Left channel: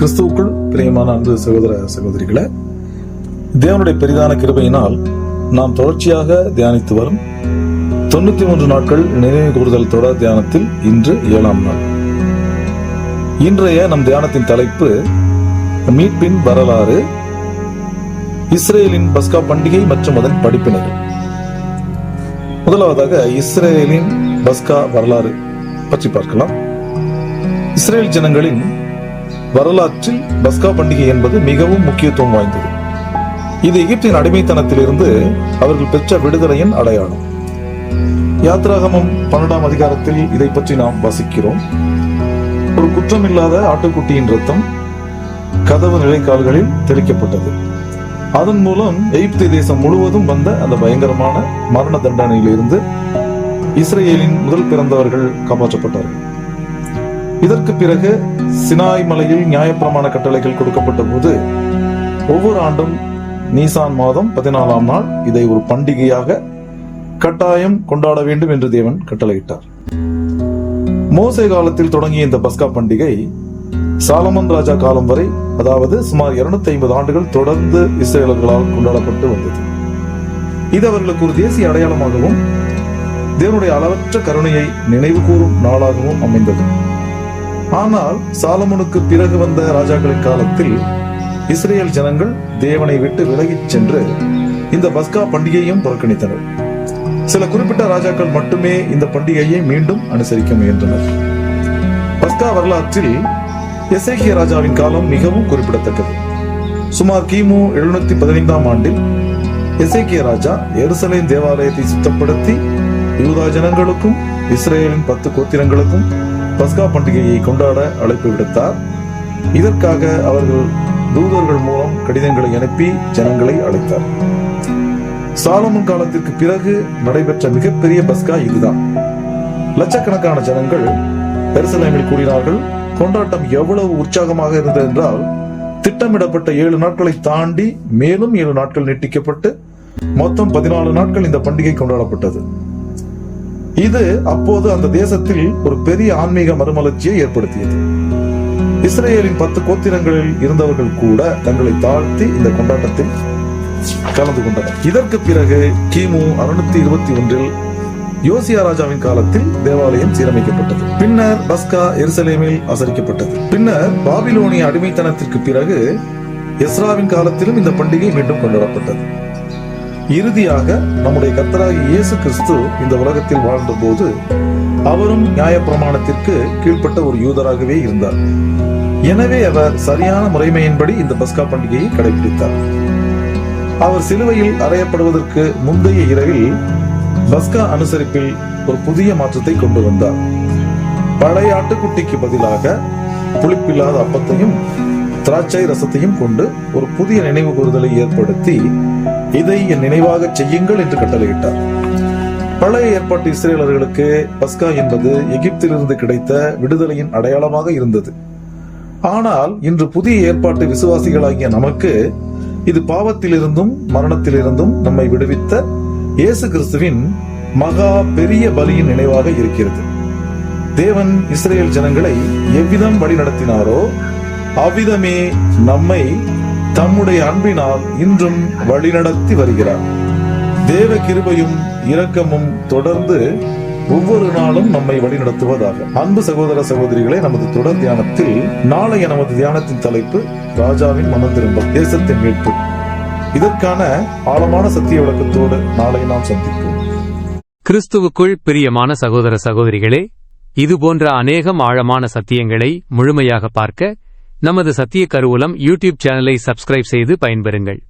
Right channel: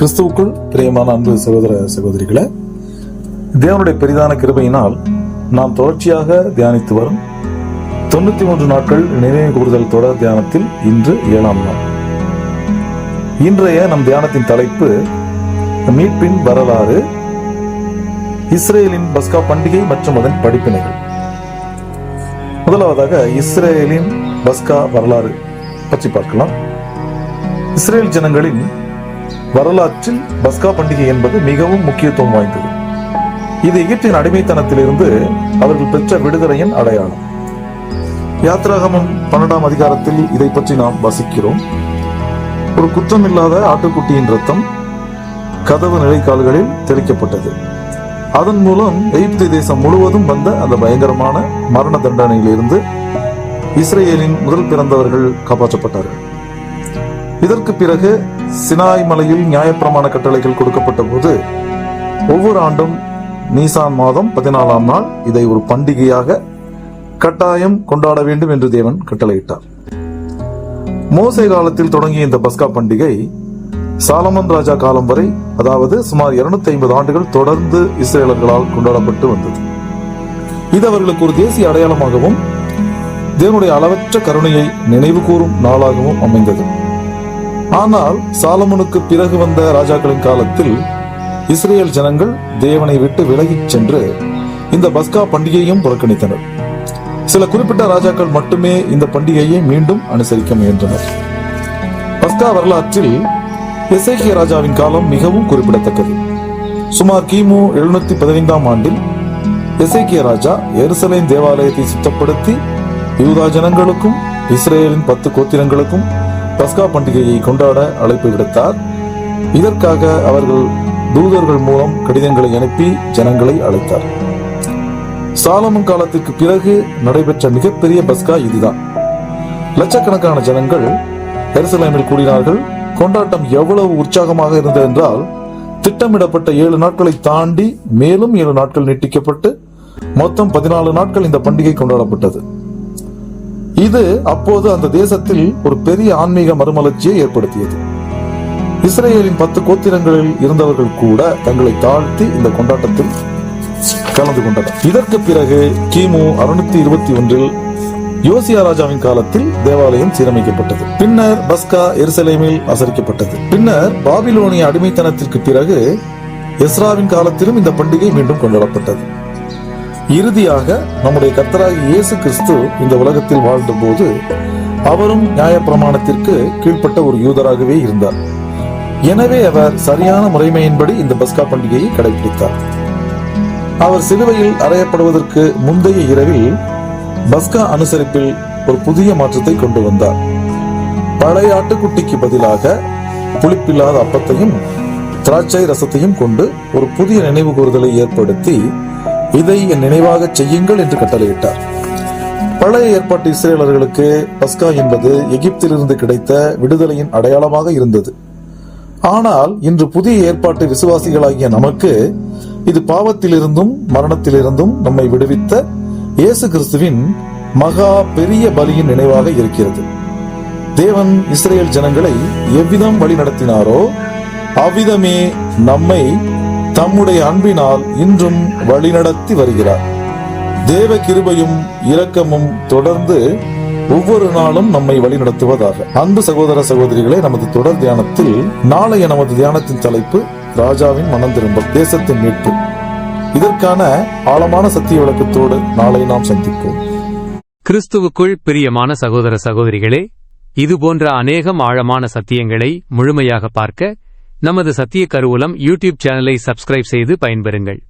கிறிஸ்துவுக்குள் பிரியமான அன்பு சகோதர சகோதரிகளை, தேவனுடைய பெரிதான கிருபையினால் நாம் தொடர்ச்சியாக தியானித்து வரும் 93 நாட்கள் நினைவு கூறுதல் தொடர் தியானத்தில் இன்று 7ஆம் நாள். இன்றைய நம் தியானத்தின் தலைப்பு மீட்பின் வரலாறு, இஸ்ரேலின் பஸ்கா பண்டிகை மற்றும் அதன் படிப்பினைகள். முதலாவதாக இஸ்ரேலின் பஸ்கா வரலாறு பற்றி பார்க்கலாம். இஸ்ரேல் ஜனங்களின் வரலாற்றில் பஸ்கா பண்டிகை என்பது மிகவும் முக்கியத்துவம் வாய்ந்தது. இது எகிப்தின் அடிமைத்தனத்திலிருந்து அவர்கள் பெற்ற விடுதலையின் அடையாளம். யாத்ராகமம் 12ஆம் அதிகாரத்தில் இதை பற்றி நாம் வாசிக்கிறோம். ஒரு குற்றமில்லாத ஆட்டுக்குட்டியின் ரத்தம் கதவு நிலைக்கால்களில் தெளிக்கப்பட்டது. அதன் மூலம் எகிப்து தேசம் முழுவதும் வந்த அந்த பயங்கரமான மரண தண்டனையிலிருந்து இஸ்ரேலின் முதல் பிறந்தவர்கள் காப்பாற்றப்பட்டார்கள். இதற்கு பிறகு சினாய் மலையில் நியாயப்பிரமாண கட்டளைகள் கொடுக்கப்பட்ட போது ஒவ்வொரு ஆண்டும் நீசான் மாதம் 14ஆம் நாள் இதை ஒரு பண்டிகையாக கட்டாயம் கொண்டாட வேண்டும் என்று தேவன் கட்டளையிட்டார். மோசே காலத்தில் தொடங்கிய இந்த பஸ்கா பண்டிகை சாலமன் ராஜா காலம் வரை, அதாவது சுமார் 250 ஆண்டுகள் தொடர்ந்து இஸ்ரேலர்களால் கொண்டாடப்பட்டு வந்தது. இது அவர்களுக்கு ஒரு தேசிய அடையாளமாகவும் தேவனுடைய அளவற்ற கருணையை நினைவு கூறும் நாளாகவும் அமைந்தது. ஆனால் சாலமனுக்கு பிறகு வந்த ராஜாக்களின் காலத்தில் இஸ்ரேல் ஜனங்கள் தேவனை விட்டு விலகிச் சென்று இந்த பஸ்கா பண்டிகையையும் புறக்கணித்தனர். சில குறிப்பிட்ட ராஜாக்கள் மட்டுமே இந்த பண்டிகையை மீண்டும் அனுசரிக்க முயன்றனர். பஸ்கா வரலாற்றில் எசேக்கியா ராஜாவின் காலம் மிகவும் குறிப்பிடத்தக்கது. சுமார் கிமு 715ஆம் ஆண்டில் எசேக்கியா ராஜா எருசலேம் தேவாலயத்தை சுத்தப்படுத்தி யூதா ஜனங்களுக்கும் இஸ்ரேலின் 10 கோத்திரங்களுக்கும் பஸ்கா பண்டிகையை கொண்டாட அழைப்பு விடுத்தார். இதற்காக அவர்கள் தூதர்கள் மூலம் கடிதங்களை அனுப்பி ஜனங்களை அழைத்தார். சாலமன் காலத்திற்கு பிறகு நடைபெற்ற மிகப்பெரிய பஸ்கா இதுதான். லட்சக்கணக்கான ஜனங்கள் எருசலேமில் கூடினார்கள். கொண்டாட்டம் எவ்வளவு உற்சாகமாக இருந்தது என்றால், திட்டமிடப்பட்ட 7 நாட்களை தாண்டி மேலும் 7 நாட்கள் நீட்டிக்கப்பட்டு மொத்தம் 14 நாட்கள் இந்த பண்டிகை கொண்டாடப்பட்டது. இது அப்போது அந்த தேசத்தில் ஒரு பெரிய ஆன்மீக மறுமலர்ச்சியை ஏற்படுத்தியது. இஸ்ரேலின் 10 கோத்திரங்களில் இருந்தவர்கள் கூட தங்களை தாழ்த்தி இந்த கொண்டாட்டத்தில் கலந்து கொண்டனர். இதற்கு பிறகு கிமு 621 யோசியா ராஜாவின் காலத்தில் தேவாலயம் சீரமைக்கப்பட்டது. பின்னர் பஸ்கா எருசலேமில் ஆசரிக்கப்பட்டது. பின்னர் பாபிலோனிய அடிமைத்தனத்திற்கு பிறகு எஸ்ராவின் காலத்திலும் இந்த பண்டிகை மீண்டும் கொண்டாடப்பட்டது. இறுதியாக நம்முடைய கர்த்தராகிய இயேசு கிறிஸ்து இந்த உலகத்தில் வாழ்ந்த போது அவரும் நியாயப்பிரமாணத்திற்கு கீழ்ப்பட்ட ஒரு யூதராகவே இருந்தார். எனவே அவர் சரியான முறைமையின்படி இந்த பஸ்கா பண்டிகையை கடைபிடித்தார். அவர் சிலுவையில் அறையப்படுவதற்கு முந்தைய இரவில் பஸ்கா அனுசரிப்பில் ஒரு புதிய மாற்றத்தை கொண்டு வந்தார். பழைய ஆட்டுக்குட்டிக்கு பதிலாக புளிப்பில்லாத அப்பத்தையும் திராட்சை ரசத்தையும் கொண்டு ஒரு புதிய நினைவு கூறுதலை ஏற்படுத்தி இதை என் நினைவாக செய்யுங்கள் என்று கட்டளையிட்டார். பழைய ஏற்பாட்டு இஸ்ரேலர்களுக்கு பஸ்கா என்பது எகிப்திலிருந்து கிடைத்த விடுதலையின் அடையாளமாக இருந்தது. ஆனால் இன்று புதிய ஏற்பாட்டு விசுவாசிகளாகிய நமக்கு இது பாவத்திலிருந்தும் மரணத்திலிருந்தும் நம்மை விடுவித்த இயேசு கிறிஸ்துவின் மகா பெரிய பலியின் நினைவாக இருக்கிறது. தேவன் இஸ்ரேல் ஜனங்களை எவ்விதம் வழி நடத்தினாரோ அவ்விதமே நம்மை தம்முடைய அன்பினால் இன்றும் வழிநடத்தி வருகிறார். தேவ கிருபையும் இரக்கமும் தொடர்ந்து ஒவ்வொரு நாளும் நம்மை வழிநடத்துவதாக. அன்பு சகோதர சகோதரிகளே, நமது தொடர் தியானத்தில் நாளைய நமது தியானத்தின் தலைப்பு ராஜாவின் மனம் திரும்ப, தேசத்தின் மீட்பு. இதற்கான ஆழமான சத்திய விளக்கத்தோடு நாளை நாம் சந்திப்போம். கிறிஸ்துவுக்குள் பிரியமான சகோதர சகோதரிகளே, இதுபோன்ற அநேகம் ஆழமான சத்தியங்களை முழுமையாக பார்க்க நமது சத்திய கருவூலம் யூடியூப் சேனலை சப்ஸ்கிரைப் செய்து பயன்பெறுங்கள்.